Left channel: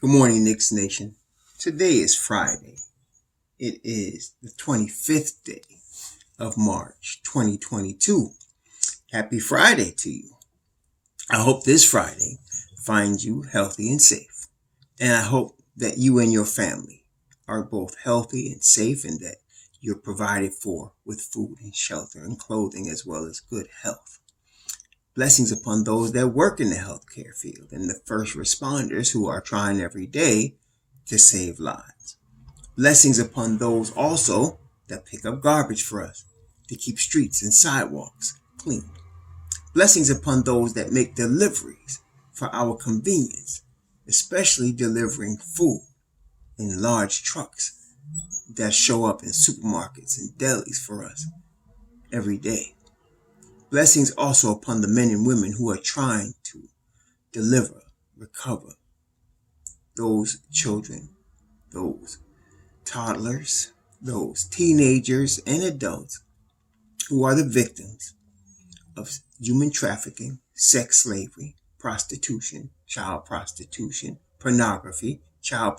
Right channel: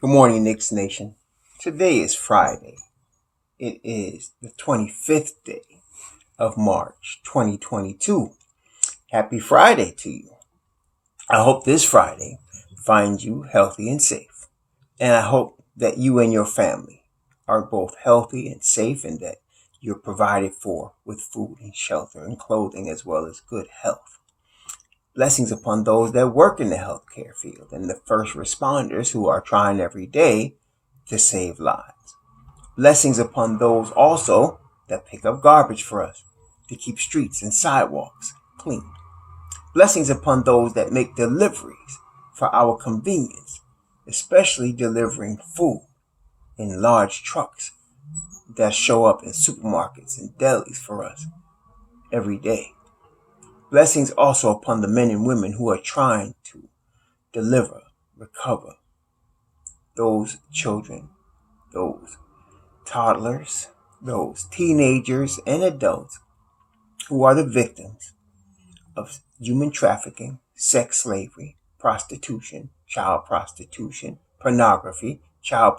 Good morning, Knicks Nation. Today is Friday. It is the 25th day of March, 2022. Happy Friday to you. I hope this Friday finds you healthy and safe. And I hope that you and your family are both healthy and safe and that you're provided for with food and shelter and clothing as well as good health. Blessings upon those that work in the healthcare field and the first responders who are trying every day to save lives. Blessings upon those also that pick up garbage for us to keep streets and sidewalks clean. Blessings upon those that make deliveries for our convenience, especially delivering food in large trucks that show up in supermarkets and delis for us every day. Blessings also upon the men and women who are trying to deliver, recover those children, those toddlers, those teenagers and adults who are the victims of human trafficking, sex slavery, prostitution, child pornography, child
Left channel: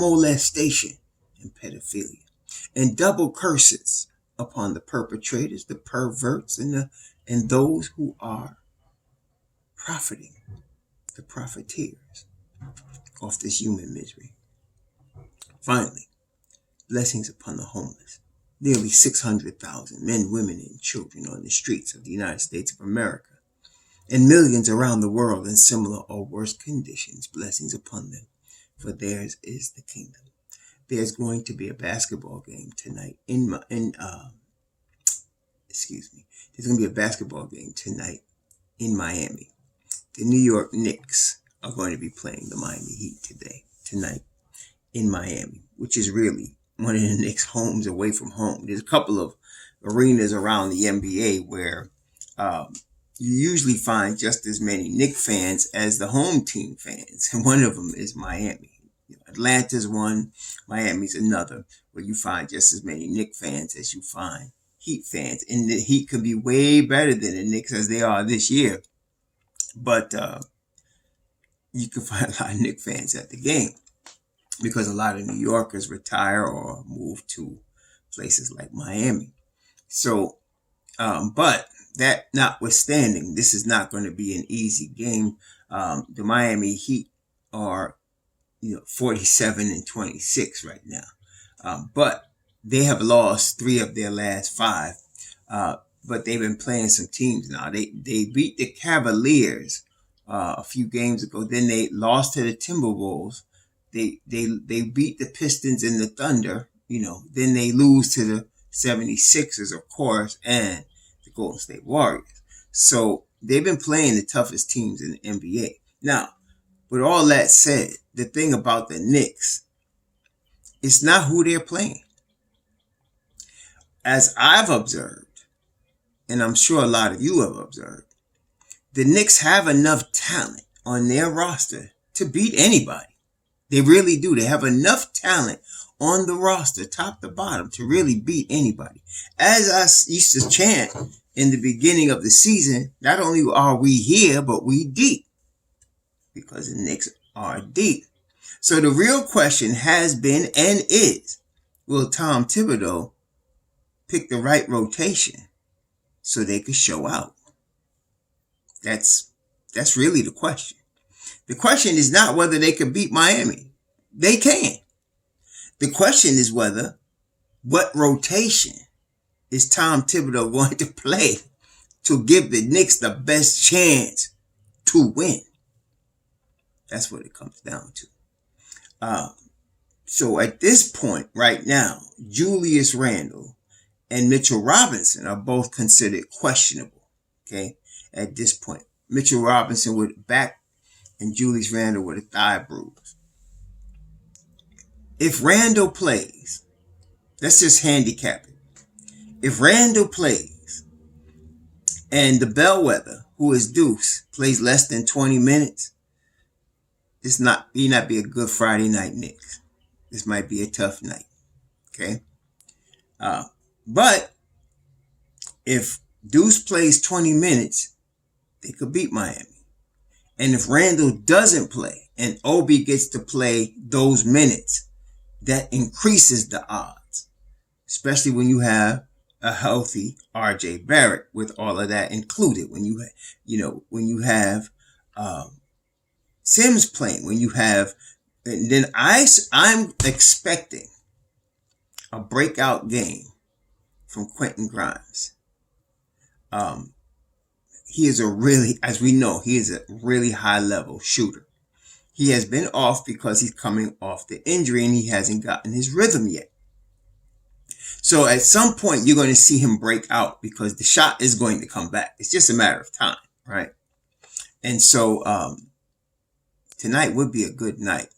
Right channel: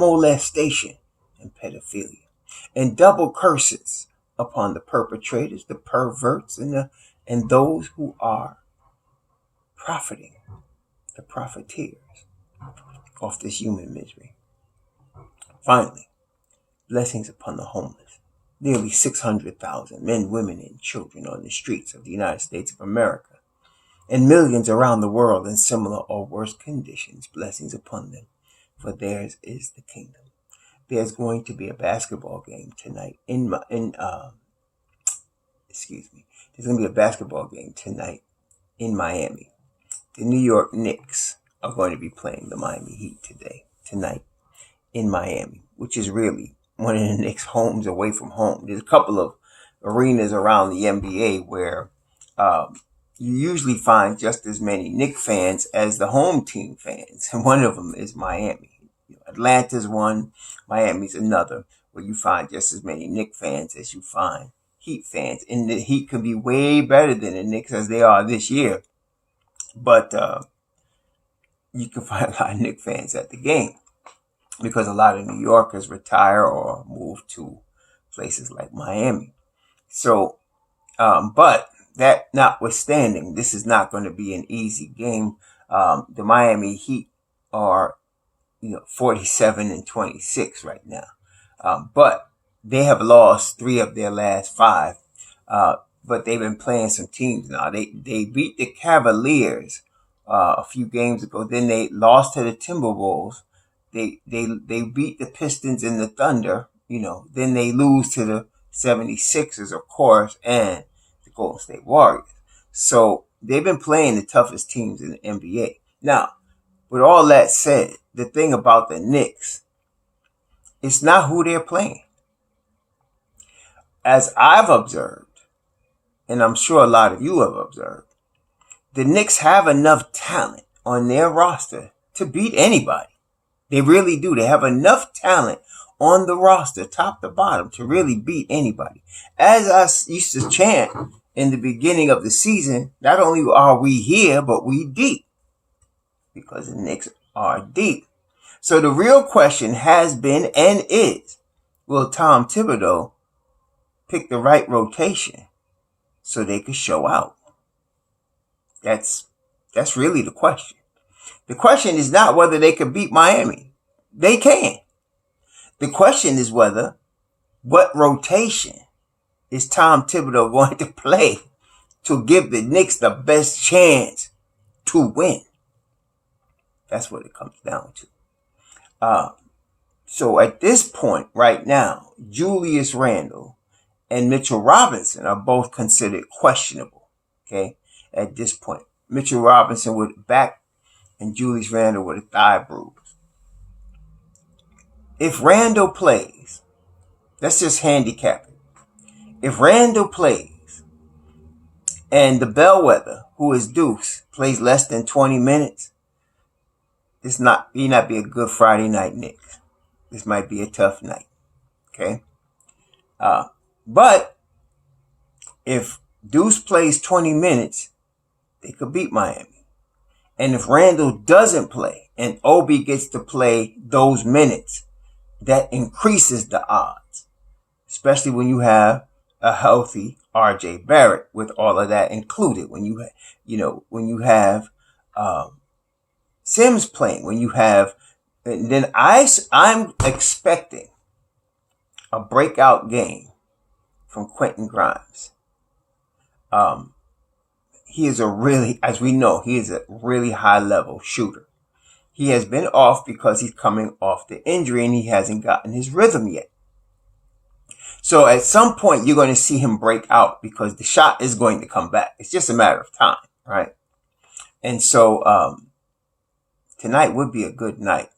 molestation, and pedophilia. And double curses upon the perpetrators, the perverts, and those who are profiting, the profiteers of this human misery. Finally, blessings upon the homeless. Nearly 600,000 men, women, and children on the streets of the United States of America, and millions around the world in similar or worse conditions. Blessings upon them, for theirs is the kingdom. There's going to be a basketball game tonight There's going to be a basketball game tonight in Miami. The New York Knicks are going to be playing the Miami Heat tonight in Miami, which is really one of the Knicks' homes away from home. There's a couple of arenas around the NBA where you usually find just as many Knicks fans as the home team fans, and one of them is Miami. Atlanta's one, Miami's another, where you find just as many Knicks fans as you find Heat fans. And the Heat could be way better than the Knicks as they are this year, but you can find a lot of Knicks fans at the game because a lot of New Yorkers retire or move to places like Miami. So, but that notwithstanding, this is not going to be an easy game. The Miami Heat are 47-26 right now. But they have lost 3 of their last 5. But they've been playing some teams now. They beat the Cavaliers a few games ago. Then they lost to the Timberwolves. They beat the Pistons and the Thunder. Then they lose to the 76ers, of course, and the Golden State Warriors. So they've been playing the toughest teams in the NBA. Now, with all that said, the thing about the Knicks, it's not who they're playing. As I've observed, and I'm sure a lot of you have observed, the Knicks have enough talent on their roster to beat anybody. They really do. They have enough talent on the roster, top to bottom, to really beat anybody. As I used to chant in the beginning of the season, not only are we here, but we deep. Because the Knicks are deep. So the real question has been and is, will Tom Thibodeau pick the right rotation so they could show out? That's really the question. The question is not whether they could beat Miami. They can. The question is what rotation is Tom Thibodeau going to play to give the Knicks the best chance to win? That's what it comes down to. So at this point right now, Julius Randle and Mitchell Robinson are both considered questionable. Okay, at this point, Mitchell Robinson with a back and Julius Randle with a thigh bruise. If Randle plays, let's just handicap it. If Randle plays and the bellwether, who is Deuce, plays less than 20 minutes, this not be a good Friday night Knicks. This might be a tough night. Okay. But if Deuce plays 20 minutes, they could beat Miami. And if Randle doesn't play and Obi gets to play those minutes, that increases the odds, especially when you have a healthy RJ Barrett with all of that included. When when you have Sims playing, when you have, and then I'm expecting a breakout game from Quentin Grimes. He is as we know, he is a really high level shooter. He has been off because he's coming off the injury and he hasn't gotten his rhythm yet. So at some point you're going to see him break out because the shot is going to come back. It's just a matter of time, right? And so tonight would be a good night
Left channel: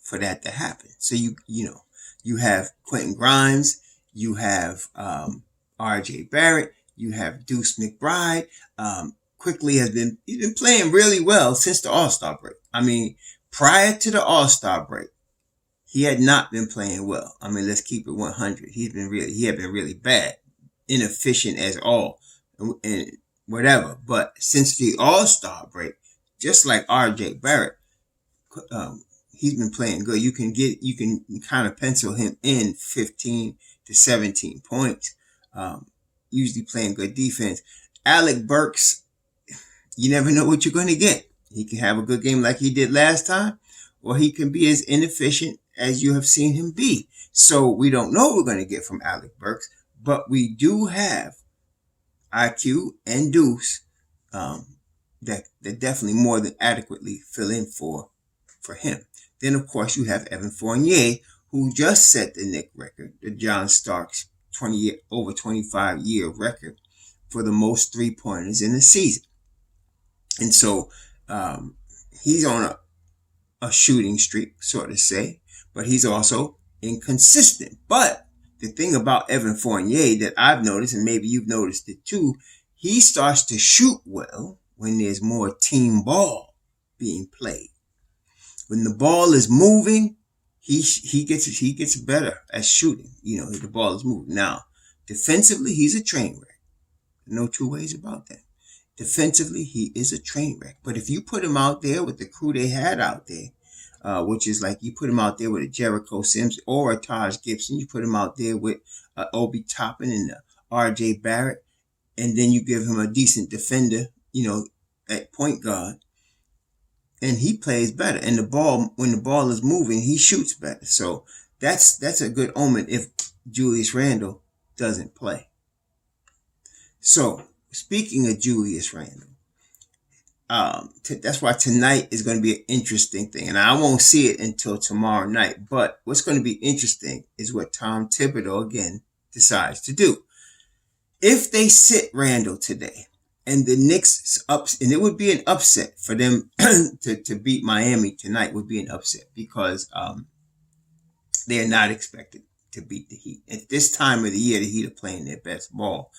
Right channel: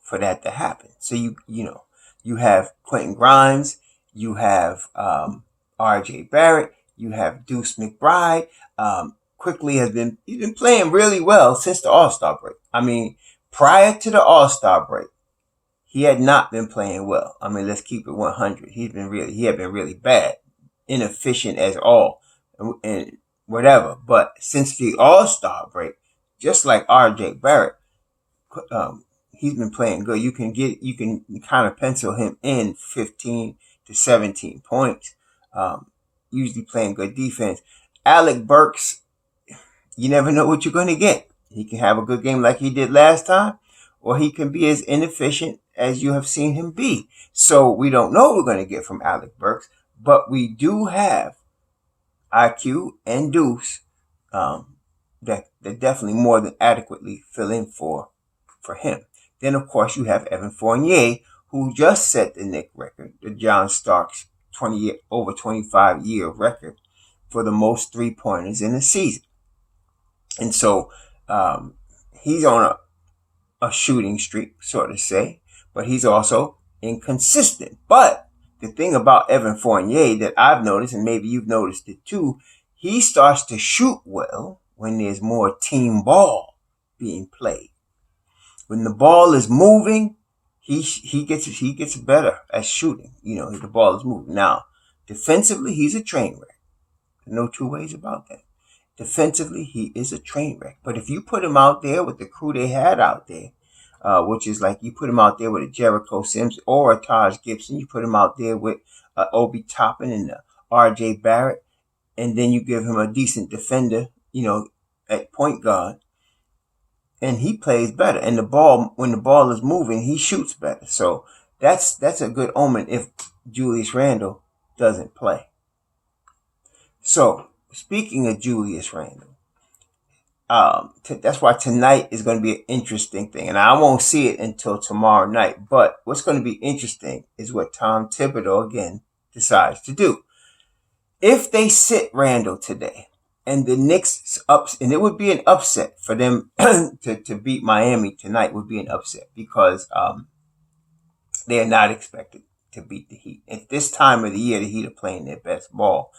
for that to happen. So you have Quentin Grimes, you have RJ Barrett, you have Deuce McBride. Quickly he's been playing really well since the All-Star break. I mean, prior to the All-Star break, he had not been playing well. I mean, let's keep it 100. He had been really bad, inefficient as all, and whatever. But since the All-Star break, just like RJ Barrett, he's been playing good. You can kind of pencil him in 15 to 17 points. Usually playing good defense. Alec Burks, you never know what you're going to get. He can have a good game like he did last time, or he can be as inefficient as you have seen him be. So we don't know what we're going to get from Alec Burks, but we do have IQ and Deuce that definitely more than adequately fill in for him. Then, of course, you have Evan Fournier, who just set the Knicks record, the John Starks over 25-year record for the most three-pointers in a season. And so he's on a shooting streak, so to say, but he's also inconsistent. But the thing about Evan Fournier that I've noticed, and maybe you've noticed it too, he starts to shoot well when there's more team ball being played. When the ball is moving, he gets better at shooting. The ball is moving. Now, defensively, he's a train wreck. No two ways about that. Defensively, he is a train wreck. But if you put him out there with the crew they had out there, which is like you put him out there with a Jericho Sims or a Taj Gibson, you put him out there with Obi Toppin and RJ Barrett, and then you give him a decent defender, at point guard, and he plays better. And when the ball is moving, he shoots better. So that's a good omen if Julius Randle doesn't play. So speaking of Julius Randle, that's why tonight is going to be an interesting thing. And I won't see it until tomorrow night. But what's going to be interesting is what Tom Thibodeau, again, decides to do. If they sit Randle today and the Knicks and it would be an upset for them to beat Miami tonight would be an upset because they're not expected to beat the Heat. At this time of the year, the Heat are playing their best ball.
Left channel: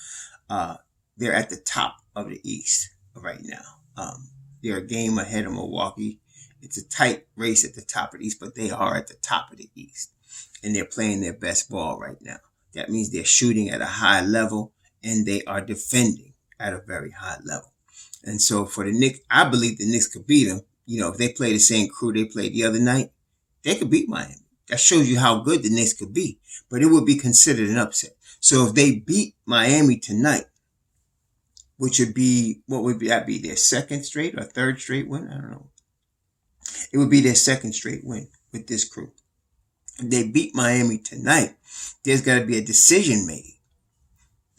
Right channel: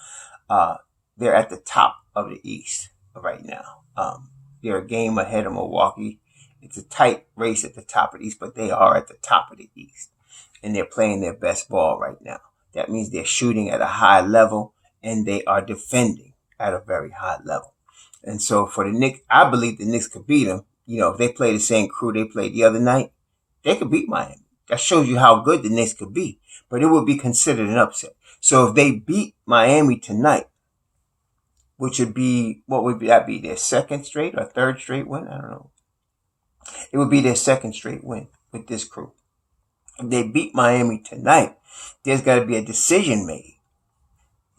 They're at the top of the East right now. They're a game ahead of Milwaukee. It's a tight race at the top of the East, but they are at the top of the East. And they're playing their best ball right now. That means they're shooting at a high level and they are defending at a very high level. And so for the Knicks, I believe the Knicks could beat them. If they play the same crew they played the other night, they could beat Miami. That shows you how good the Knicks could be. But it would be considered an upset. So if they beat Miami tonight, which would be, what would that be, their second straight or third straight win? I don't know. It would be their second straight win with this crew. If they beat Miami tonight, there's got to be a decision made.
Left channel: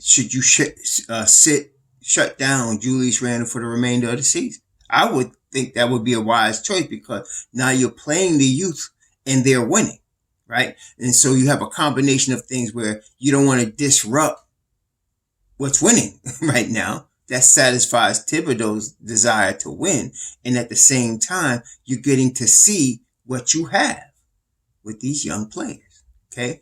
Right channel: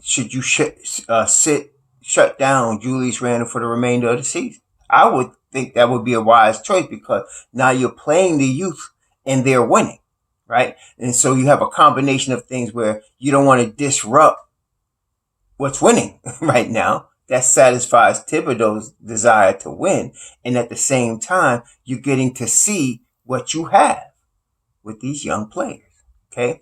Should you shut down Julius Randle for the remainder of the season? I would think that would be a wise choice because now you're playing the youth and they're winning, right? And so you have a combination of things where you don't want to disrupt what's winning right now. That satisfies Thibodeau's desire to win. And at the same time, you're getting to see what you have with these young players. Okay.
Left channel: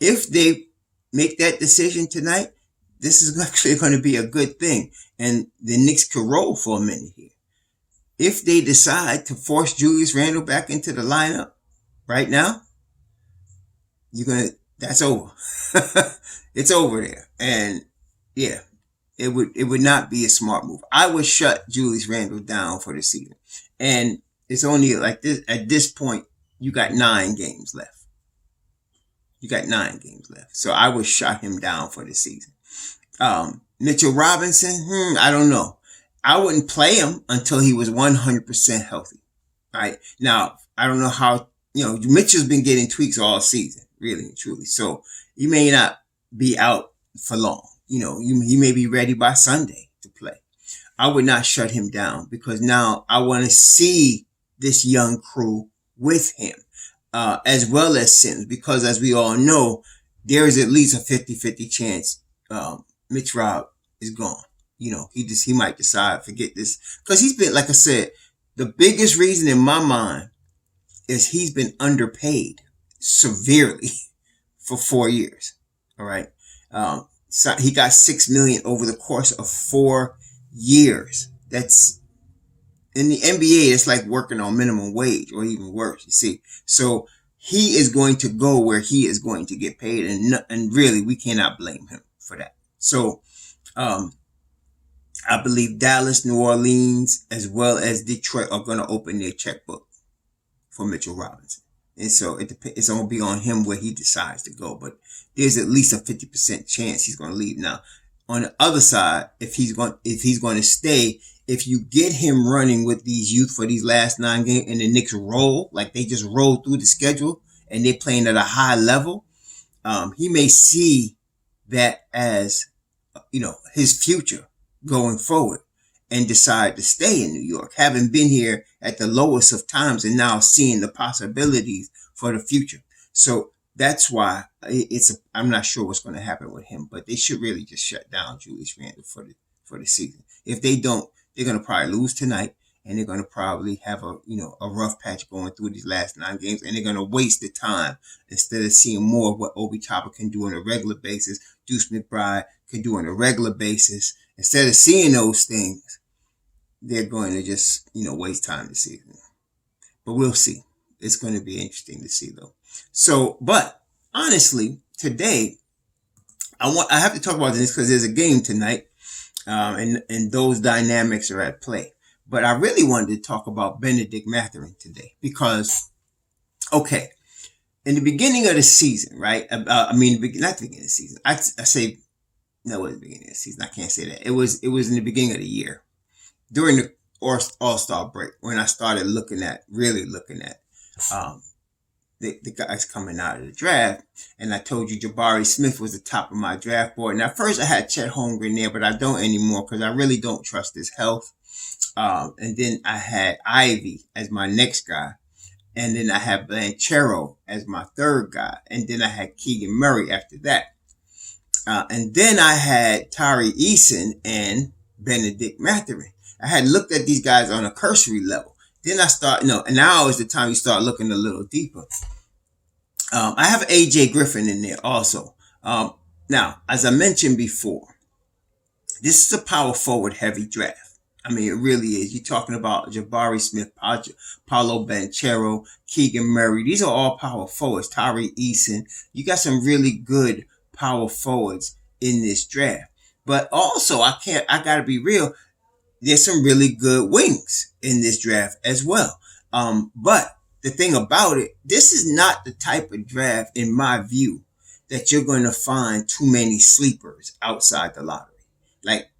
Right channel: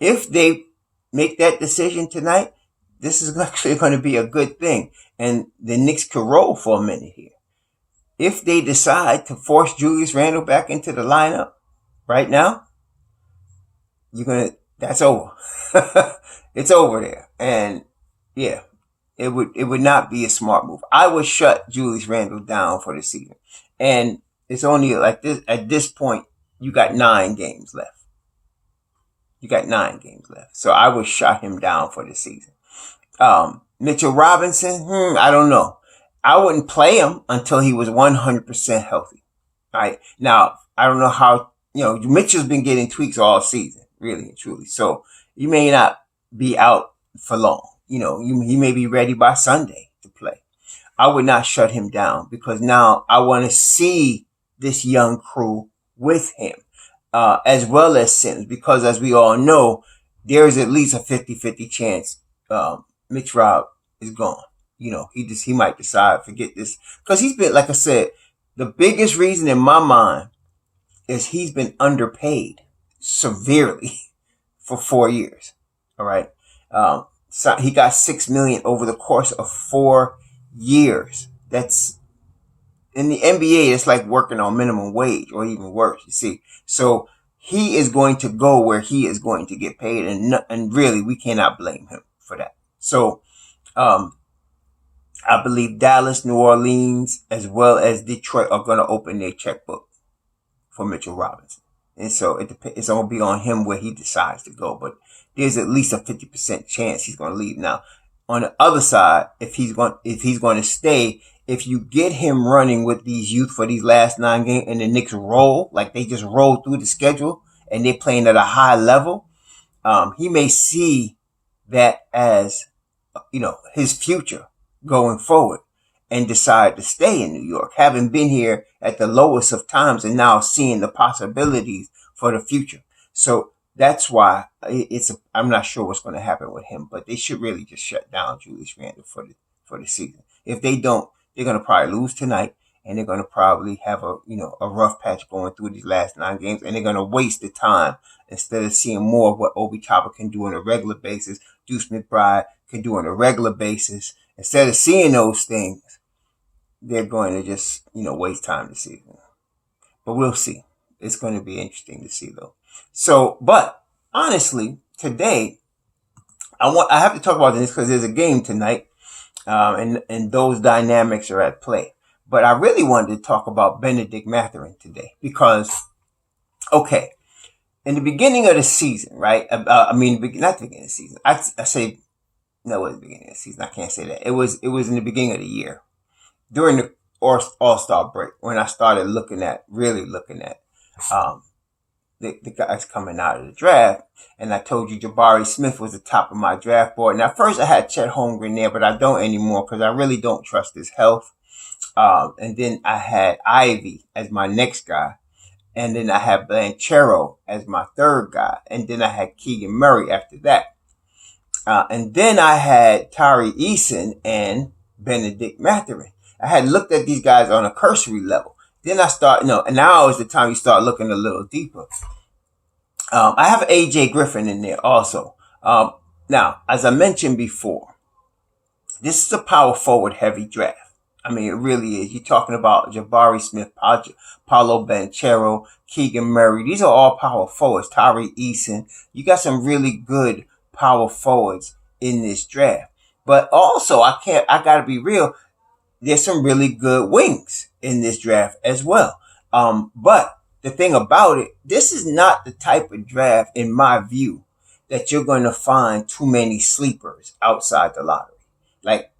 If they make that decision tonight, this is actually going to be a good thing. And the Knicks could roll for a minute here. If they decide to force Julius Randle back into the lineup right now, that's over. It's over there. And yeah, it would not be a smart move. I would shut Julius Randle down for the season. And it's only like this at this point, you got 9 games left. You got 9 games left. So I would shut him down for the season. Mitchell Robinson, I don't know. I wouldn't play him until he was 100% healthy. Right? Now, I don't know how, Mitchell's been getting tweaks all season, really and truly. So he may not be out for long. He may be ready by Sunday to play. I would not shut him down because now I want to see this young crew with him, as well as Sims, because as we all know, there is at least a 50-50 chance Mitch Rob is gone. He might decide, forget this. Because he's been, like I said, the biggest reason in my mind is he's been underpaid severely for 4 years. All right. So he got $6 million over the course of 4 years. That's in the NBA. It's like working on minimum wage or even worse. You see, so he is going to go where he is going to get paid, and really we cannot blame him for that. So, I believe Dallas, New Orleans, as well as Detroit are going to open their checkbook for Mitchell Robinson. And so it's going to be on him where he decides to go. But there's at least a 50% chance he's going to leave. Now, on the other side, if he's going to stay, if you get him running with these youth for these last 9 games and the Knicks roll, like they just roll through the schedule and they're playing at a high level, he may see that as, his future going forward and decide to stay in New York, having been here at the lowest of times and now seeing the possibilities for the future. So that's why I'm not sure what's going to happen with him, but they should really just shut down Julius Randle for the season. If they don't, they're going to probably lose tonight, and they're going to probably have a rough patch going through these last 9 games, and they're going to waste the time instead of seeing more of what Obi Toppin can do on a regular basis, Deuce McBride can do on a regular basis. Instead of seeing those things, they're going to just, waste time this season. But we'll see. It's going to be interesting to see, though. So, but honestly, today, I have to talk about this because there's a game tonight, and those dynamics are at play. But I really wanted to talk about Bennedict Mathurin today because, okay, in the beginning of the season, right? Not the beginning of the season. I say, no, it was the beginning of the season. I can't say that. It was in the beginning of the year, during the All-Star break, when I started really looking at the guys coming out of the draft. And I told you Jabari Smith was the top of my draft board. And at first I had Chet Holmgren there, but I don't anymore because I really don't trust his health. And then I had Ivy as my next guy. And then I had Blanchero as my third guy. And then I had Keegan Murray after that. And then I had Tari Eason and Bennedict Mathurin. I had looked at these guys on a cursory level. Then I start, and now is the time you start looking a little deeper. I have AJ Griffin in there also. Now, as I mentioned before, this is a power forward heavy draft. It really is. You're talking about Jabari Smith, Paolo Banchero, Keegan Murray. These are all power forwards. Tari Eason. You got some really good power forwards in this draft. But also, I gotta be real. There's some really good wings in this draft as well. But the thing about it, this is not the type of draft, in my view, that you're going to find too many sleepers outside the lottery. Like,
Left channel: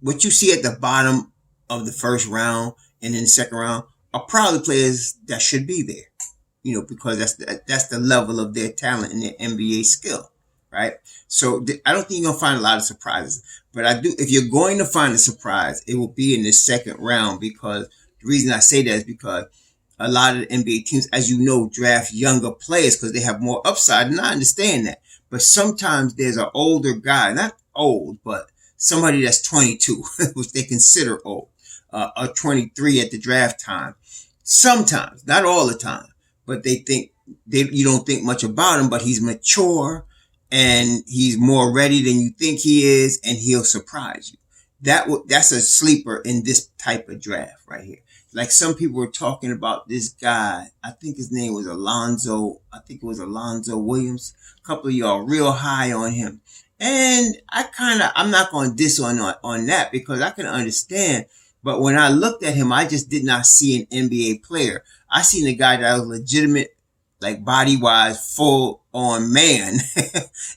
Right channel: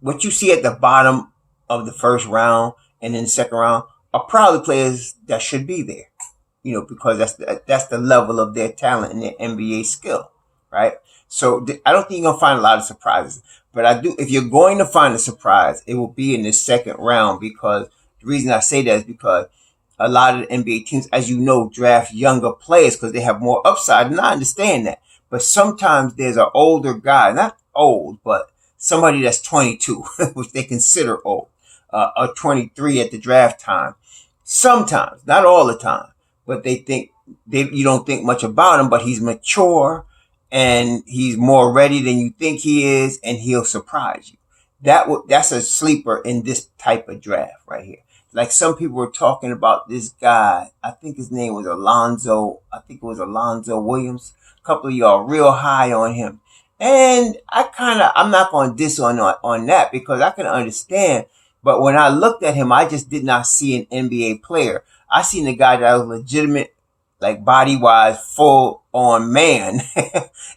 what you see at the bottom of the first round and in the second round are probably players that should be there, because that's the level of their talent and their NBA skill, right? So I don't think you're going to find a lot of surprises, but I do. If you're going to find a surprise, it will be in the second round, because the reason I say that is because a lot of the NBA teams, as you know, draft younger players because they have more upside, and I understand that. But sometimes there's an older guy, not old, but somebody that's 22, which they consider old, or 23 at the draft time. Sometimes, not all the time, but you don't think much about him, but he's mature and he's more ready than you think he is, and he'll surprise you. That's a sleeper in this type of draft right here. Like, some people were talking about this guy. I think his name was Alonzo. I think it was Alonzo Williams. A couple of y'all real high on him. And I'm not going to diss on that because I can understand. But when I looked at him, I just did not see an NBA player. I seen a guy that was legitimate, like body wise, full on man,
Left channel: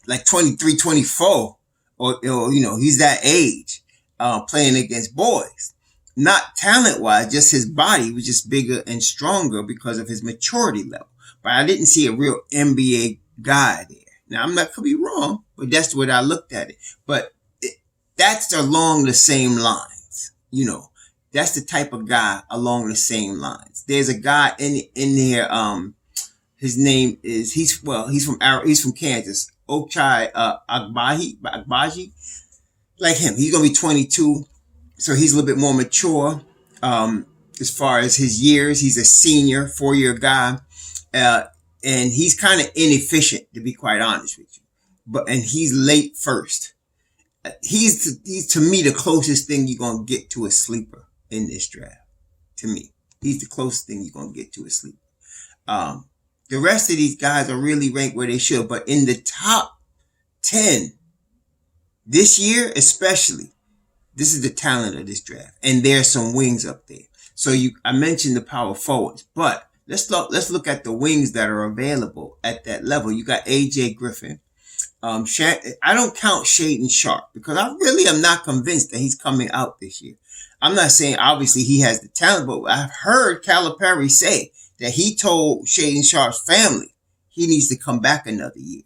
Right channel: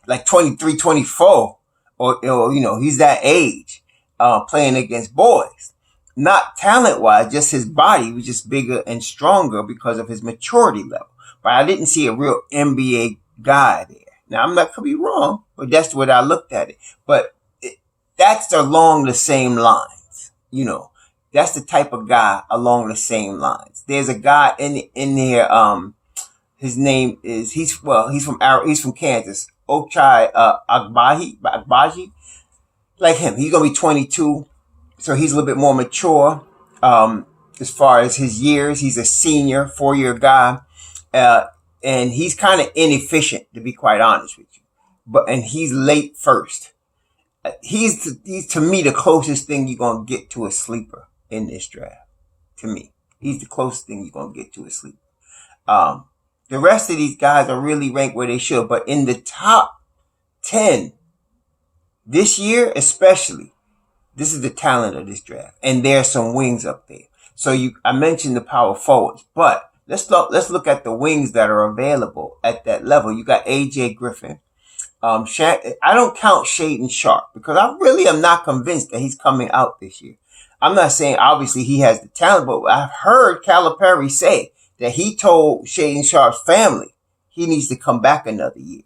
like 23, 24, or he's that age, playing against boys. Not talent wise, just his body was just bigger and stronger because of his maturity level. But I didn't see a real NBA guy there. Now I'm not could be wrong, but that's what I looked at it. But that's along the same lines, That's the type of guy along the same lines. There's a guy in there. His name is he's from Kansas. Ochai Agbaji. Like him, he's gonna be 22, so he's a little bit more mature. As far as his years, he's a senior, 4-year guy. And he's kind of inefficient, to be quite honest with you. And he's late first. He's to me the closest thing you're gonna get to a sleeper in this draft. To me, he's the closest thing you're gonna get to a sleeper. The rest of these guys are really ranked where they should, but in the top 10 this year, especially, this is the talent of this draft, and there's some wings up there. So I mentioned the power forwards, but let's look at the wings that are available at that level. You got AJ Griffin. I don't count Shaedon Sharpe because I really am not convinced that he's coming out this year. I'm not saying obviously he has the talent, but I've heard Calipari say that he told Shaedon Sharpe's family he needs to come back another year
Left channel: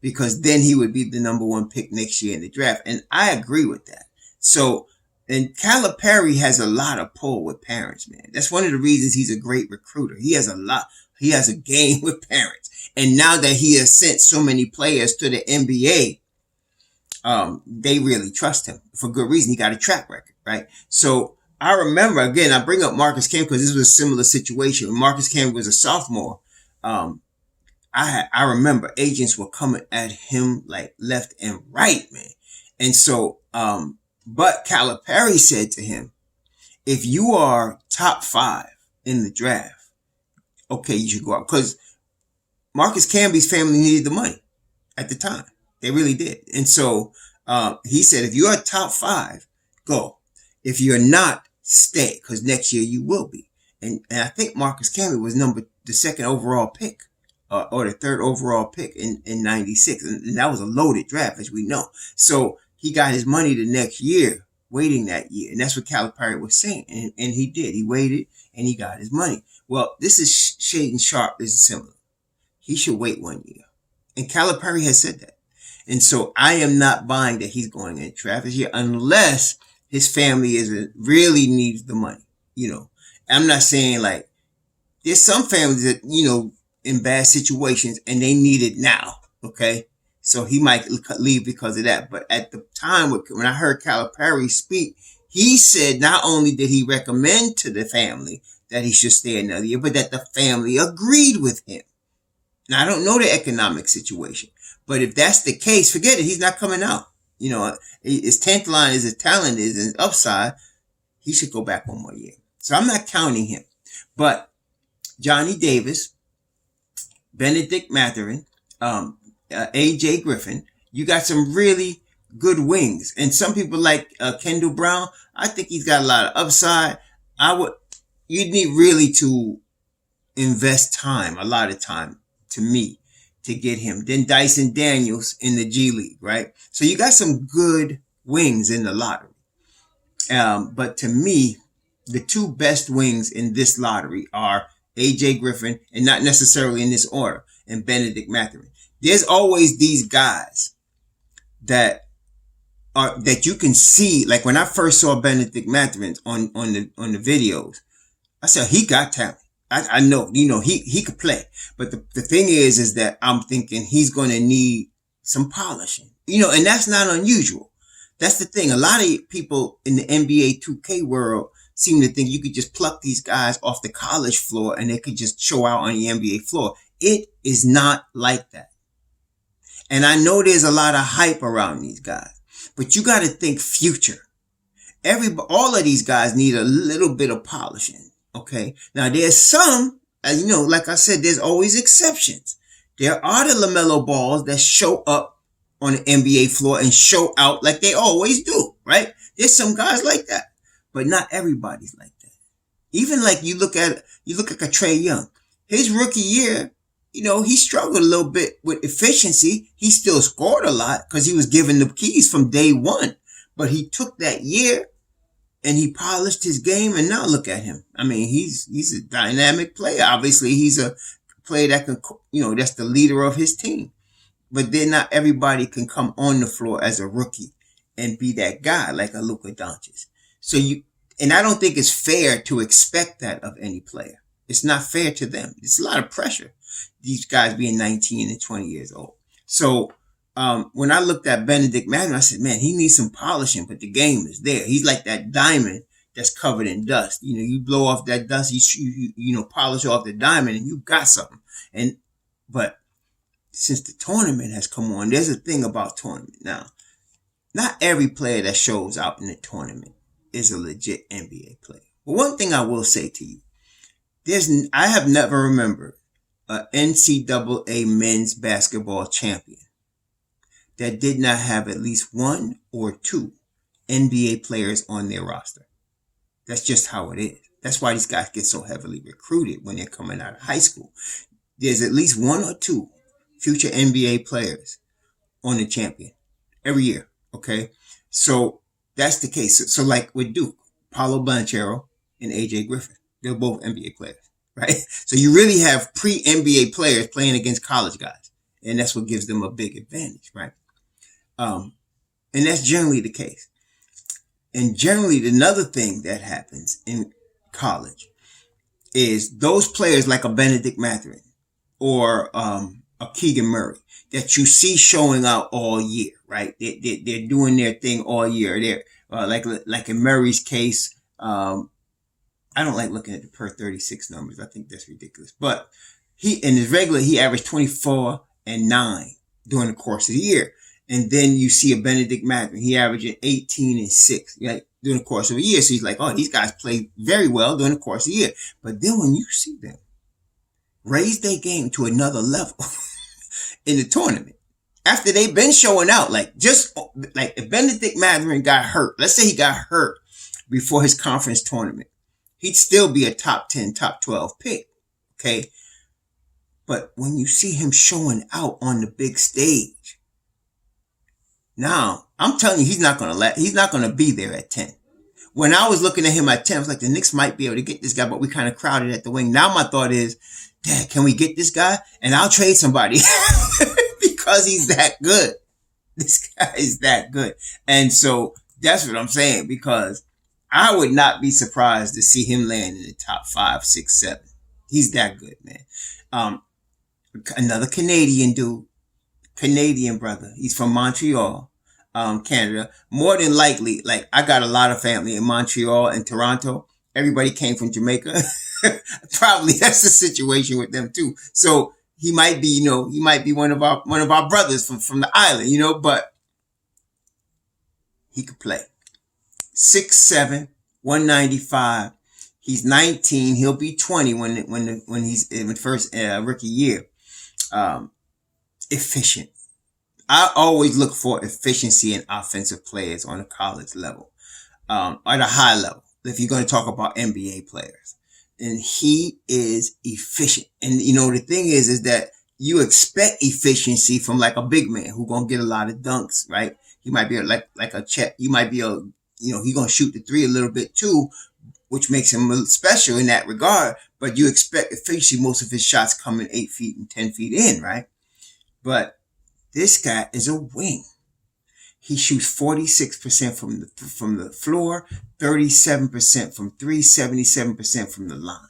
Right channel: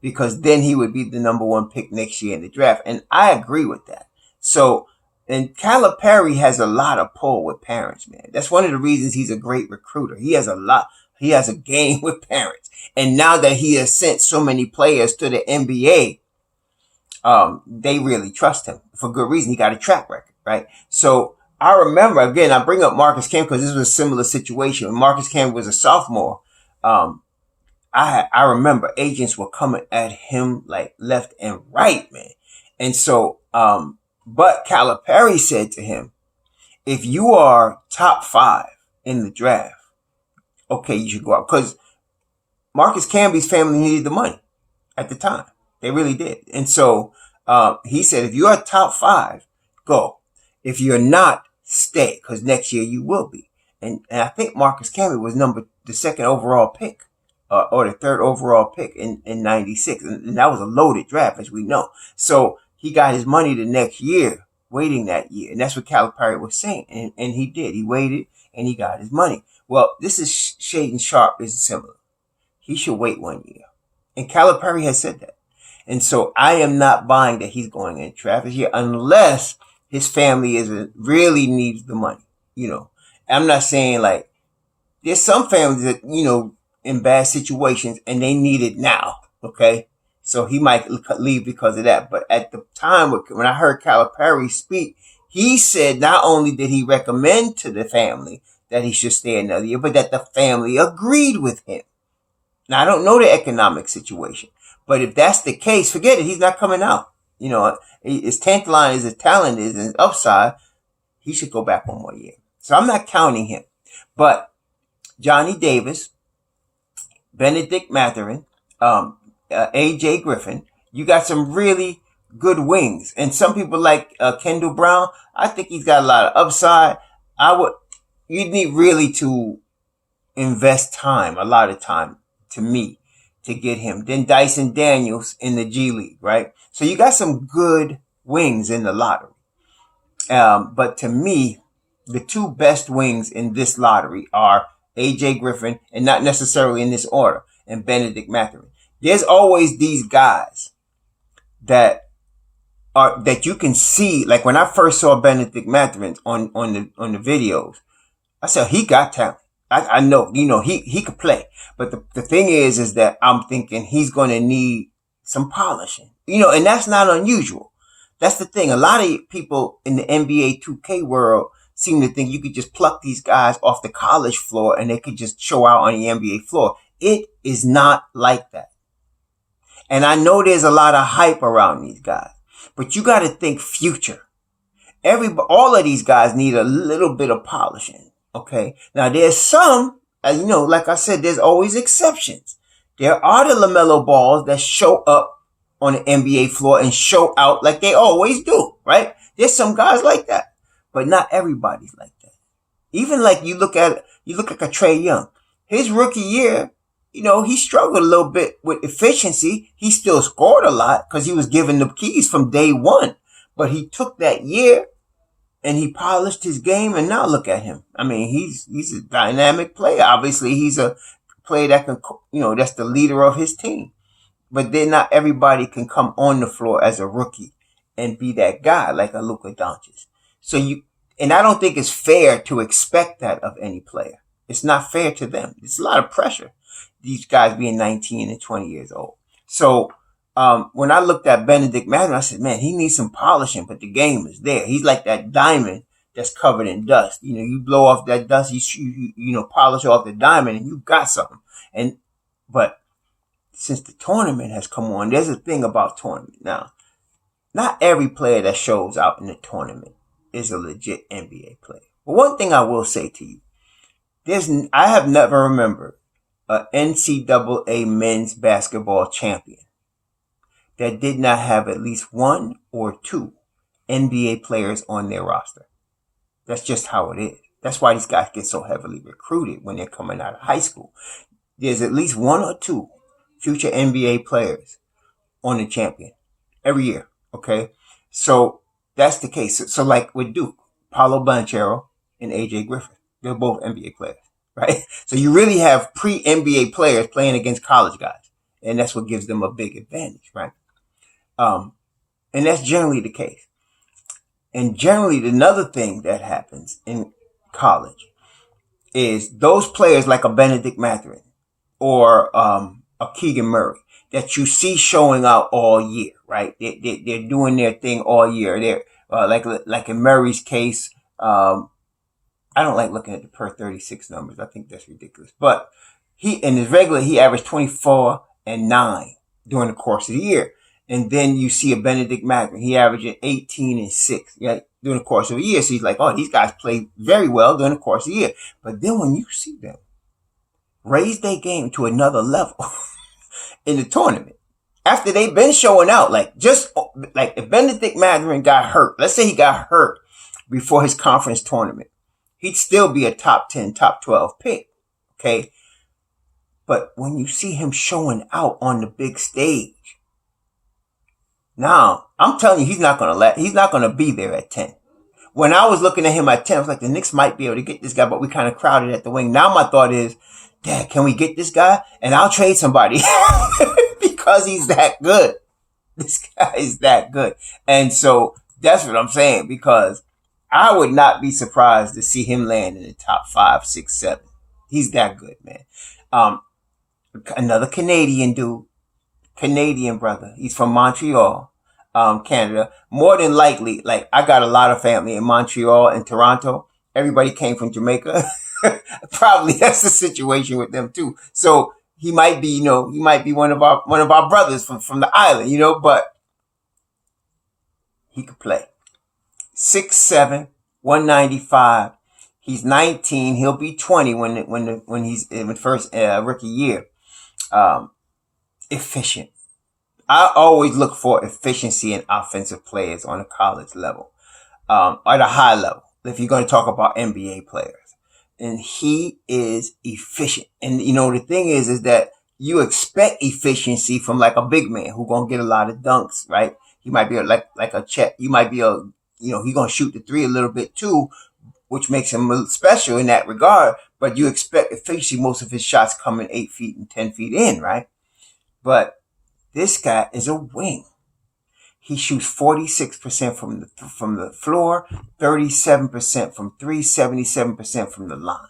because then he would be the number 1 pick next year in the draft. And I agree with that. So, and Calipari has a lot of pull with parents, man. That's one of the reasons he's a great recruiter. He has a game with parents. And now that he has sent so many players to the NBA, they really trust him for good reason. He got a track record, right? So I remember, again, I bring up Marcus Camby because this was a similar situation. When Marcus Camby was a sophomore, I remember agents were coming at him like left and right, man. And so, but Calipari said to him, if you are top 5 in the draft, okay, you should go out. Because Marcus Camby's family needed the money at the time. They really did. And so he said, if you are top 5, go. If you're not, stay. Because next year you will be. And I think Marcus Camby was the 2nd overall pick. Or the 3rd overall pick in 96. And that was a loaded draft, as we know. So he got his money the next year, waiting that year. And that's what Calipari was saying. And he did. He waited and he got his money. Well, this is Shaedon Sharpe is similar. He should wait 1 year. And Calipari has said that. And so I am not buying that he's going in draft this year unless his family really needs the money. I'm not saying like there's some families that, in bad situations and they need it now. Okay. So he might leave because of that. But at the time when I heard Calipari speak, he said not only did he recommend to the family that he should stay another year, but that the family agreed with him. Now, I don't know the economic situation, but if that's the case, forget it. He's not coming out. As tantalizing as his talent is and his upside, he should go back 1 more year. So I'm not counting him. But Johnny Davis, Bennedict Mathurin, AJ Griffin, you got some really good wings. And some people like Kendall Brown, I think he's got a lot of upside. You'd need really to invest a lot of time, to me, to get him. Then Dyson Daniels in the G League, right? So you got some good wings in the lottery. But to me, the 2 best wings in this lottery are AJ Griffin, and not necessarily in this order, and Bennedict Mathurin. There's always these guys that you can see. Like when I first saw Bennedict Mathurin on the videos, I said he got talent. I know, he could play. But the thing is that I'm thinking he's going to need some polishing, and that's not unusual. That's the thing. A lot of people in the NBA 2K world seem to think you could just pluck these guys off the college floor and they could just show out on the NBA floor. It is not like that. And I know there's a lot of hype around these guys, but you got to think future. All of these guys need a little bit of polishing. Okay. Now there's some, like I said, there's always exceptions. There are the LaMelo Balls that show up on the NBA floor and show out like they always do, right? There's some guys like that, but not everybody's like that. Even like you look at a Trey Young, his rookie year, he struggled a little bit with efficiency. He still scored a lot because he was given the keys from day one, but he took that year and he polished his game, and now look at him. I mean, he's a dynamic player. Obviously, he's a player that can, that's the leader of his team. But then not everybody can come on the floor as a rookie and be that guy like a Luka Doncic. And I don't think it's fair to expect that of any player. It's not fair to them. It's a lot of pressure. These guys being 19 and 20 years old. So, when I looked at Bennedict Mathurin, I said, man, he needs some polishing, but the game is there. He's like that diamond that's covered in dust. You blow off that dust, you polish off the diamond and you got something. But since the tournament has come on, there's a thing about tournament. Now, not every player that shows out in the tournament is a legit NBA player. But one thing I will say to you, I have never remembered an NCAA men's basketball champion that did not have at least one or two NBA players on their roster. That's just how it is. That's why these guys get so heavily recruited when they're coming out of high school. There's at least one or two future NBA players on the champion every year. Okay. So that's the case. So like with Duke, Paolo Banchero and AJ Griffin, they're both NBA players, right? So you really have pre-NBA players playing against college guys. And that's what gives them a big advantage, right? And that's generally the case. And generally another thing that happens in college is those players like a Bennedict Mathurin or a Keegan Murray that you see showing out all year, right? They're doing their thing all year. They're like in Murray's case, I don't like looking at the per 36 numbers. I think that's ridiculous. But he averaged 24 and 9 during the course of the year. And then you see a Bennedict Mathurin. He averaged 18 and 6, right, during the course of a year. So he's like, oh, these guys play very well during the course of the year. But then when you see them raise their game to another level in the tournament, after they've been showing out, like if Bennedict Mathurin got hurt, let's say he got hurt before his conference tournament, he'd still be a top 10, top 12 pick. Okay. But when you see him showing out on the big stage, now, I'm telling you, he's not going to be there at 10. When I was looking at him at 10, I was like, the Knicks might be able to get this guy, but we kind of crowded at the wing. Now my thought is, Dad, can we get this guy? And I'll trade somebody because he's that good. This guy is that good. And so that's what I'm saying, because I would not be surprised to see him land in the top 5, 6, 7. He's that good, man. Another Canadian brother. He's from Montreal, Canada. More than likely, like I got a lot of family in Montreal and Toronto. Everybody came from Jamaica. Probably that's the situation with them too. So he might be, one of our brothers from the island, but he could play. 6'7", 195. He's 19. He'll be 20 when he's in the first rookie year. Efficient. I always look for efficiency in offensive players on a college level, at a high level. If you're going to talk about NBA players, and he is efficient. And the thing is that you expect efficiency from like a big man who's going to get a lot of dunks, right? He might be like a Chet. You might be he's going to shoot the three a little bit too, which makes him special in that regard. But you expect efficiency, most of his shots coming 8 feet and 10 feet in, right? But this guy is a wing. He shoots 46% from the floor, 37% from three, 77% from the line.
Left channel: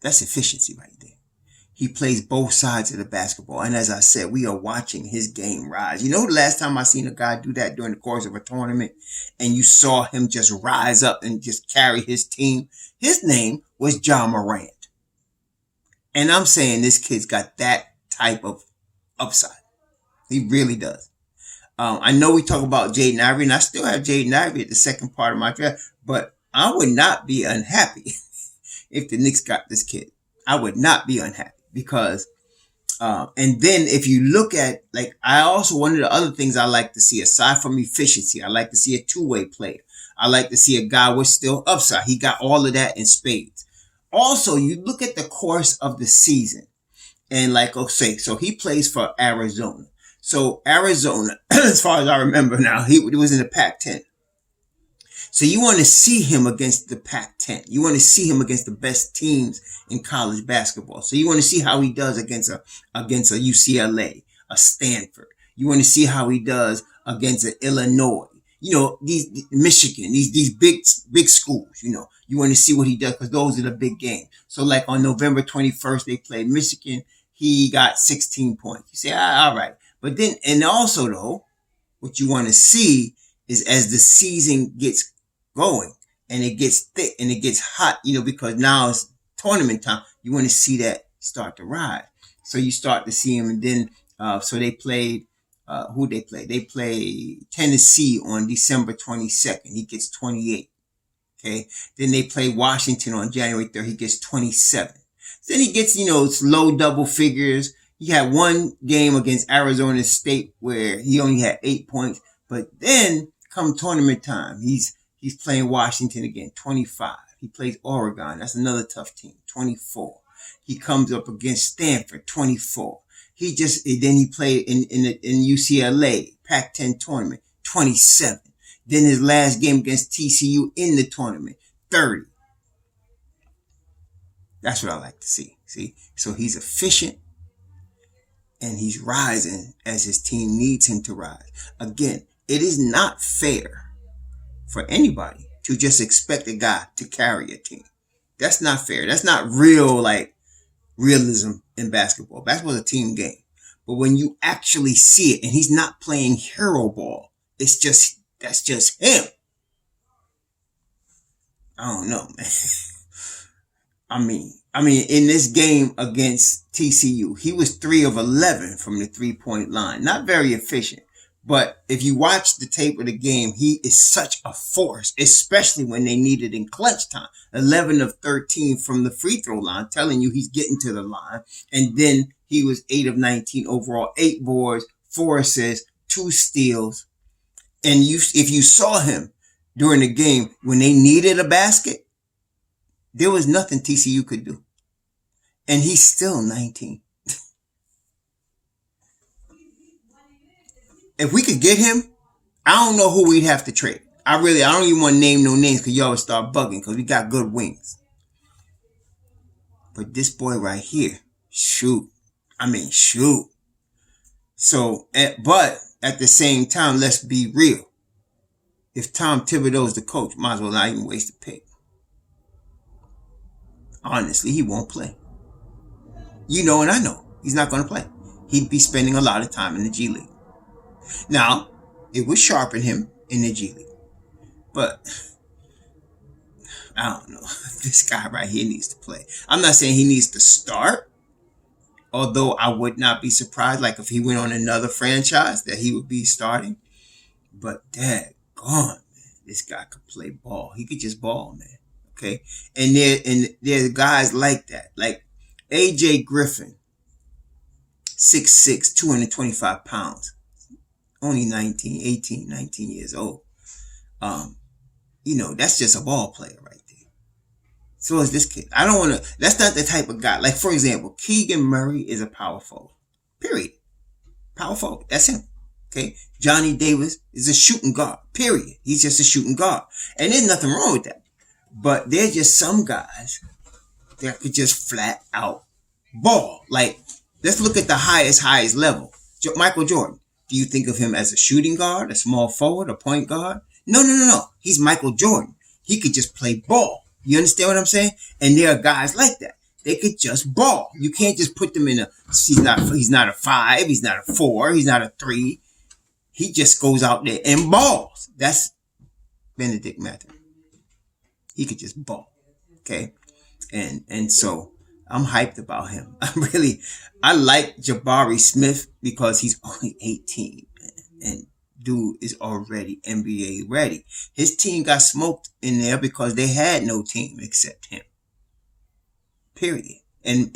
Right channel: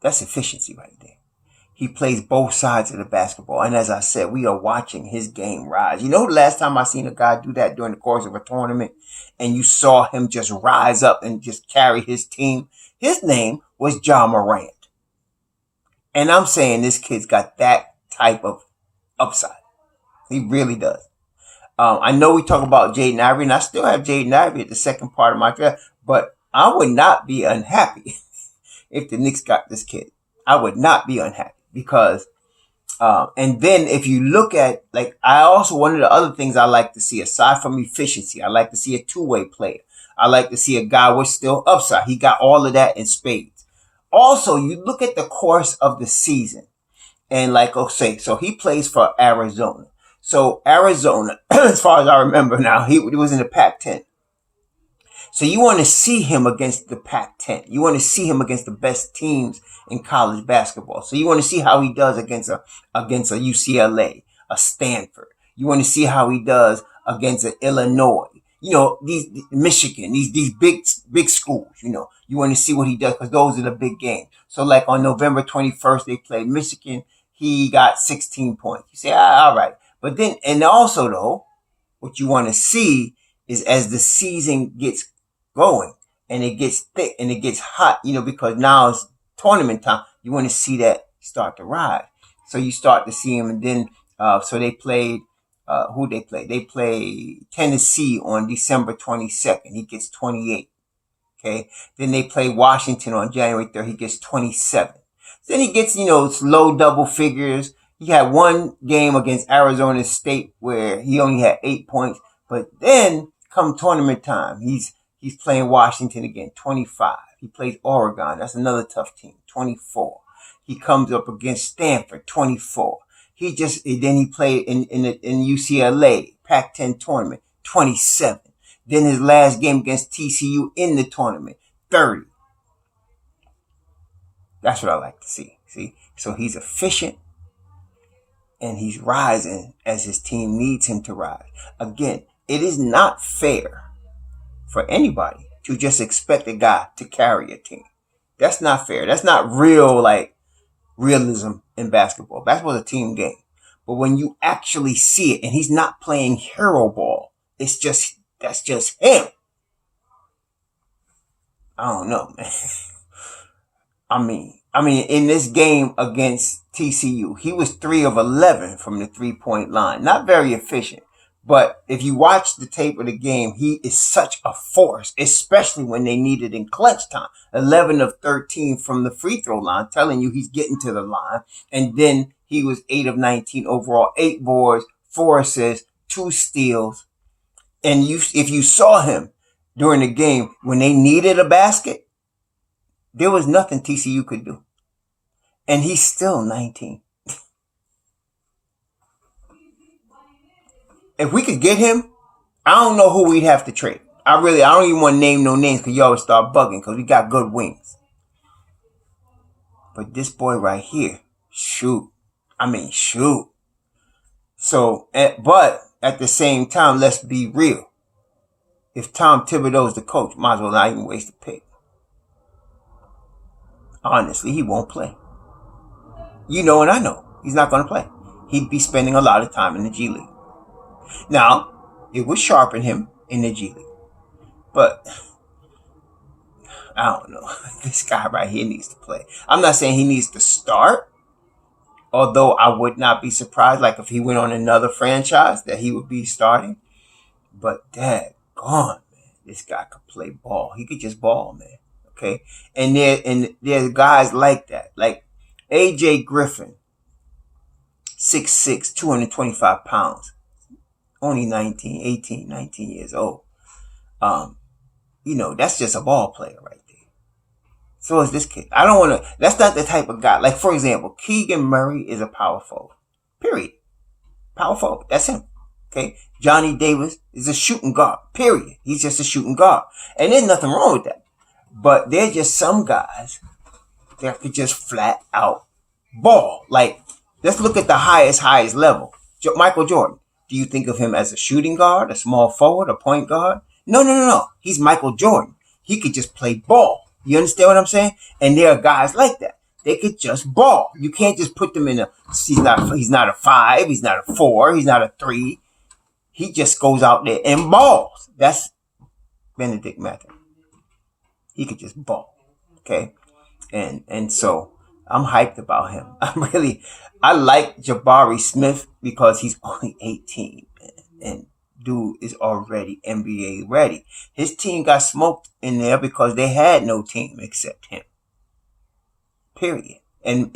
That's efficiency right there. He plays both sides of the basketball. And as I said, we are watching his game rise. The last time I seen a guy do that during the course of a tournament and you saw him just rise up and just carry his team? His name was Ja Morant. And I'm saying this kid's got that type of upside. He really does. I know we talk about Jaden Ivey, and I still have Jaden Ivey at the second part of my draft, but I would not be unhappy if the Knicks got this kid. I would not be unhappy because And then if you look at, like, I also, one of the other things I like to see, aside from efficiency, I like to see a two-way player. I like to see a guy with still upside. He got all of that in spades. Also, you look at the course of the season, and like, say, so he plays for Arizona. So Arizona, as far as I remember now, he was in the Pac-10. So you want to see him against the Pac-10. You want to see him against the best teams in college basketball. So you want to see how he does against a UCLA, a Stanford. You want to see how he does against an Illinois. You know, these Michigan, these big schools. You know, you want to see what he does because those are the big games. So like on November 21st, they played Michigan. He got 16 points. You say, all right. But then, and also though, what you want to see is as the season gets going and it gets thick and it gets hot, you know, because now it's tournament time, you want to see that start to rise. So you start to see him, and then so they played who they played? They played Tennessee on December 22nd. He gets 28. Okay. Then they play Washington on January 3rd. He gets 27. Then he gets, you know, low double figures. He had one game against Arizona State where he only had 8 points. But then come tournament time, he's playing Washington again, 25. He plays Oregon. That's another tough team, 24. He comes up against Stanford, 24. Then he played in UCLA, Pac-10 tournament, 27. Then his last game against TCU in the tournament, 30. That's what I like to see. See? So he's efficient and he's rising as his team needs him to rise. Again, it is not fair for anybody to just expect a guy to carry a team. That's not fair. That's not real, like, realism in basketball. Basketball is a team game. But when you actually see it and he's not playing hero ball, that's just him. I don't know, man. I mean, in this game against TCU, he was 3 of 11 from the 3-point line. Not very efficient. But if you watch the tape of the game, he is such a force, especially when they need it in clutch time. 11 of 13 from the free throw line, telling you he's getting to the line. And then he was 8 of 19 overall, 8 boards, 4 assists, 2 steals. And if you saw him during the game, when they needed a basket, there was nothing TCU could do. And he's still 19. If we could get him, I don't know who we'd have to trade. I don't even want to name no names because y'all would start bugging because we got good wings. But this boy right here, shoot. So, but at the same time, let's be real. If Tom Thibodeau's the coach, might as well not even waste a pick. Honestly, he won't play. You know, and I know he's not going to play. He'd be spending a lot of time in the G League. Now, it would sharpen him in the G League. But I don't know. This guy right here needs to play. I'm not saying he needs to start. Although I would not be surprised, like if he went on another franchise, that he would be starting. But daggone, man, this guy could play ball. He could just ball, man. Okay? And there's guys like that. Like AJ Griffin, 6'6", 225 pounds. Only 19 years old. You know, that's just a ball player right there. So is this kid. That's not the type of guy. Like, for example, Keegan Murray is a power forward. Period. Power forward. That's him. Okay? Johnny Davis is a shooting guard. Period. He's just a shooting guard. And there's nothing wrong with that. But there's just some guys that could just flat out ball. Like, let's look at the highest level. Michael Jordan. Do you think of him as a shooting guard, a small forward, a point guard? No. He's Michael Jordan. He could just play ball. You understand what I'm saying? And there are guys like that. They could just ball. You can't just put them in he's not a 5, he's not a 4, he's not a 3. He just goes out there and balls. That's Bennedict Mathurin. He could just ball. Okay? And so I'm hyped about him. I like Jabari Smith because he's only 18 and dude is already NBA ready. His team got smoked in there because they had no team except him. Period. And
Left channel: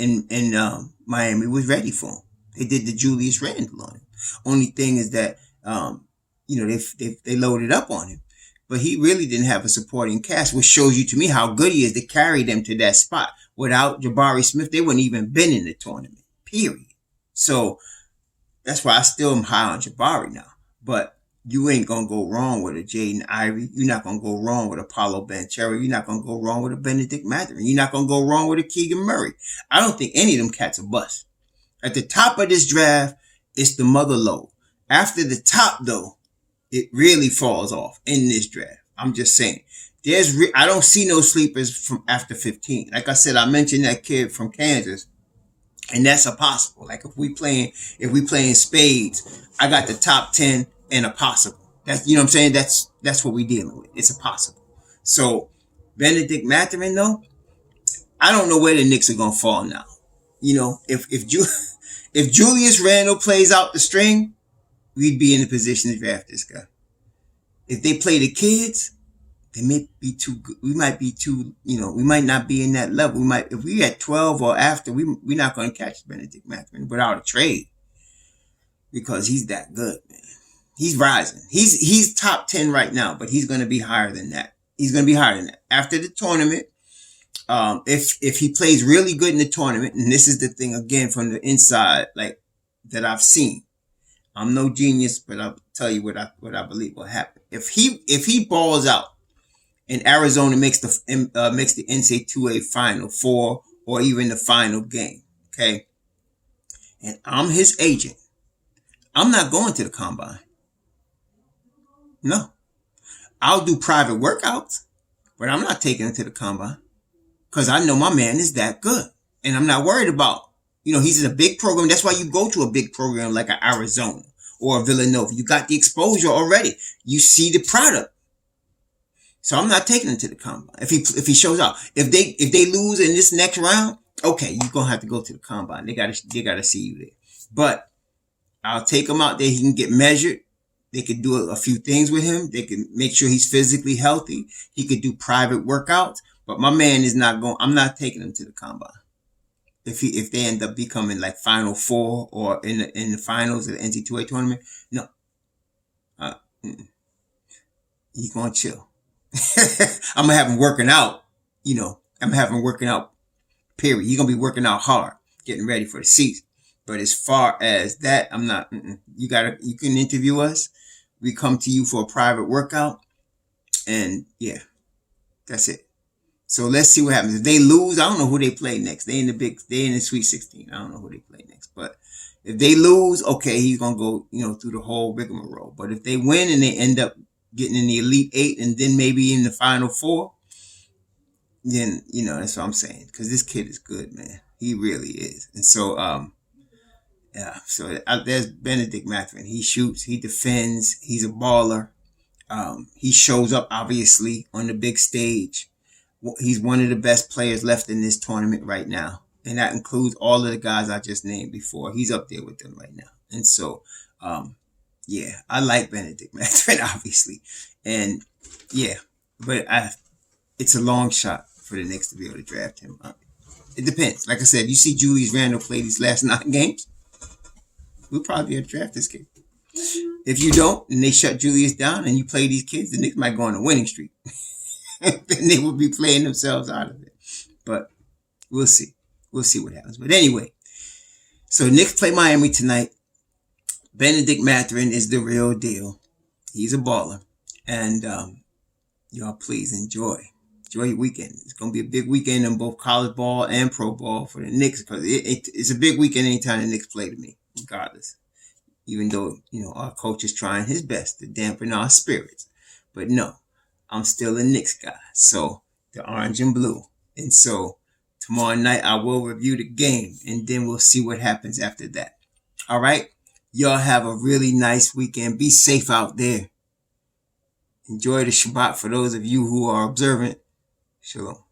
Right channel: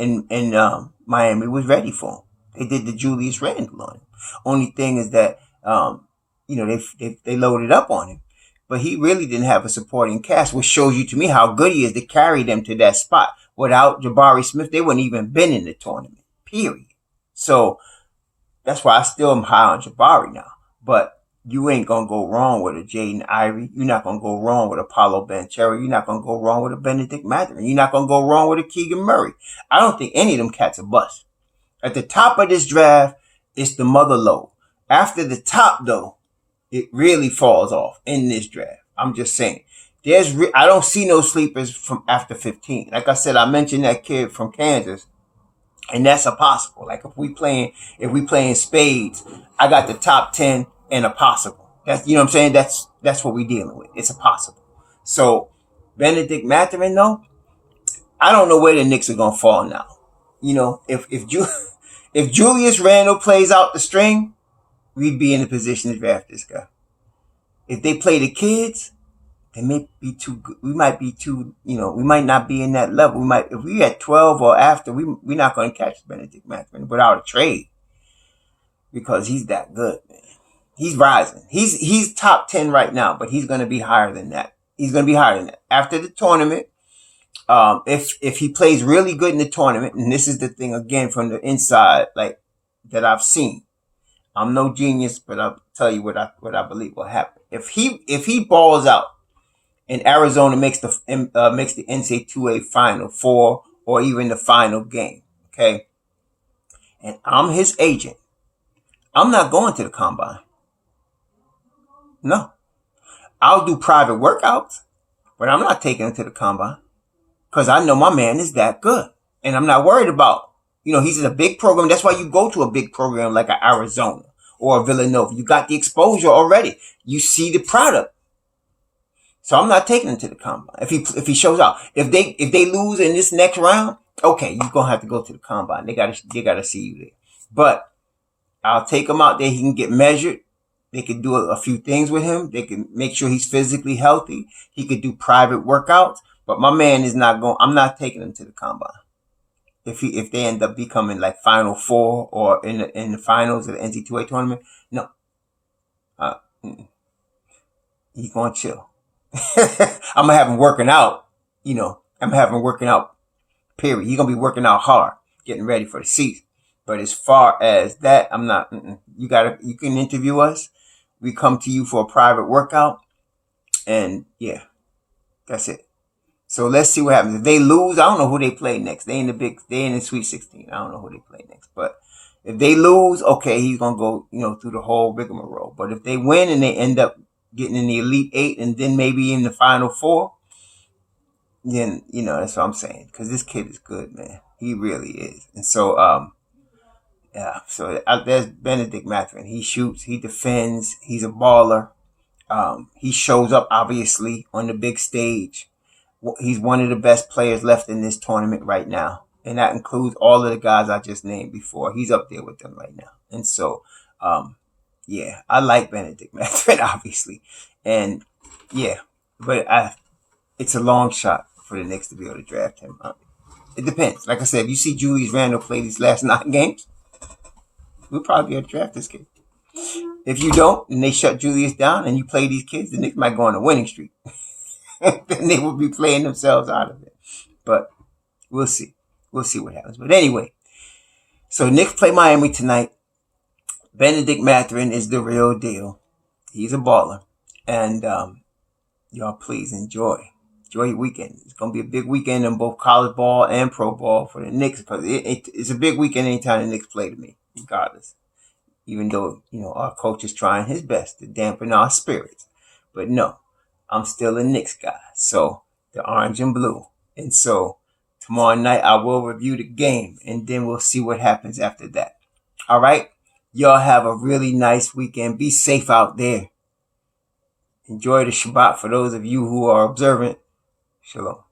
Miami was ready for him. They did the Julius Randle on him. Only thing is that, they loaded up on him. But he really didn't have a supporting cast, which shows you to me how good he is to carry them to that spot. Without Jabari Smith, they wouldn't even been in the tournament, period. So that's why I still am high on Jabari now. But you ain't going to go wrong with a Jaden Ivey. You're not going to go wrong with a Paolo Banchero. You're not going to go wrong with a Bennedict Mathurin. You're not going to go wrong with a Keegan Murray. I don't think any of them cats are bust. At the top of this draft, it's the mother load. After the top, though, it really falls off in this draft. I'm just saying. I don't see no sleepers from after 15. Like I said, I mentioned that kid from Kansas. And that's a possible. Like if we playing spades, I got the top 10 and a possible. That's, you know what I'm saying? That's what we're dealing with. It's a possible. So Bennedict Mathurin, though, I don't know where the Knicks are gonna fall now. If Julius Randle plays out the string, we'd be in a position to draft this guy. If they play the kids, they may be too good. We might be too, we might not be in that level. If we at 12 or after, we're not going to catch Bennedict Mathurin without a trade because he's that good, man. He's rising. He's top 10 right now, but he's going to be higher than that. He's going to be higher than that. After the tournament, if he plays really good in the tournament, and this is the thing again from the inside, like that I've seen. I'm no genius, but I'll tell you what I believe will happen. If he balls out and Arizona makes the NCAA Final Four or even the final game, okay, and I'm his agent, I'm not going to the combine. No. I'll do private workouts, but I'm not taking him to the combine because I know my man is that good. And I'm not worried about, he's in a big program. That's why you go to a big program like a Arizona or a Villanova. You got the exposure already. You see the product. So I'm not taking him to the combine. If he shows out, if they lose in this next round, okay, you're going to have to go to the combine. They got to see you there. But I'll take him out there. He can get measured. They could do a few things with him. They can make sure he's physically healthy. He could do private workouts. But my man is not going. I'm not taking him to the combine. If they end up becoming like Final Four or in the finals of the NCAA tournament, no. He's going to chill. I'm gonna have him working out. I'm gonna have him working out. Period. He's gonna be working out hard, getting ready for the season. But as far as that, I'm not. You can interview us. We come to you for a private workout, and yeah, that's it. So let's see what happens. If they lose, I don't know who they play next. They in the Sweet 16. I don't know who they play next. But if they lose, okay, he's gonna go, through the whole rigmarole. But if they win and they end up getting in the Elite Eight and then maybe in the Final Four, then that's what I'm saying. Because this kid is good, man. He really is. And so yeah. So there's Bennedict Mathurin. He shoots. He defends. He's a baller. He shows up obviously on the big stage. He's one of the best players left in this tournament right now. And that includes all of the guys I just named before. He's up there with them right now. And so, yeah, I like Bennedict Mathurin, obviously. And, yeah, but it's a long shot for the Knicks to be able to draft him. It depends. Like I said, if you see Julius Randle play these last 9 games, we'll probably be able to draft this kid. If you don't, and they shut Julius down and you play these kids, the Knicks might go on a winning streak. Then they will be playing themselves out of it. But we'll see. We'll see what happens. But anyway, so Knicks play Miami tonight. Bennedict Mathurin is the real deal. He's a baller. And y'all please enjoy. Enjoy your weekend. It's going to be a big weekend in both college ball and pro ball for the Knicks because it's a big weekend anytime the Knicks play to me, regardless. Even though, our coach is trying his best to dampen our spirits. But no, I'm still a Knicks guy. So the orange and blue. And so tomorrow night I will review the game and then we'll see what happens after that. All right. Y'all have a really nice weekend. Be safe out there. Enjoy the Shabbat for those of you who are observant. Shalom.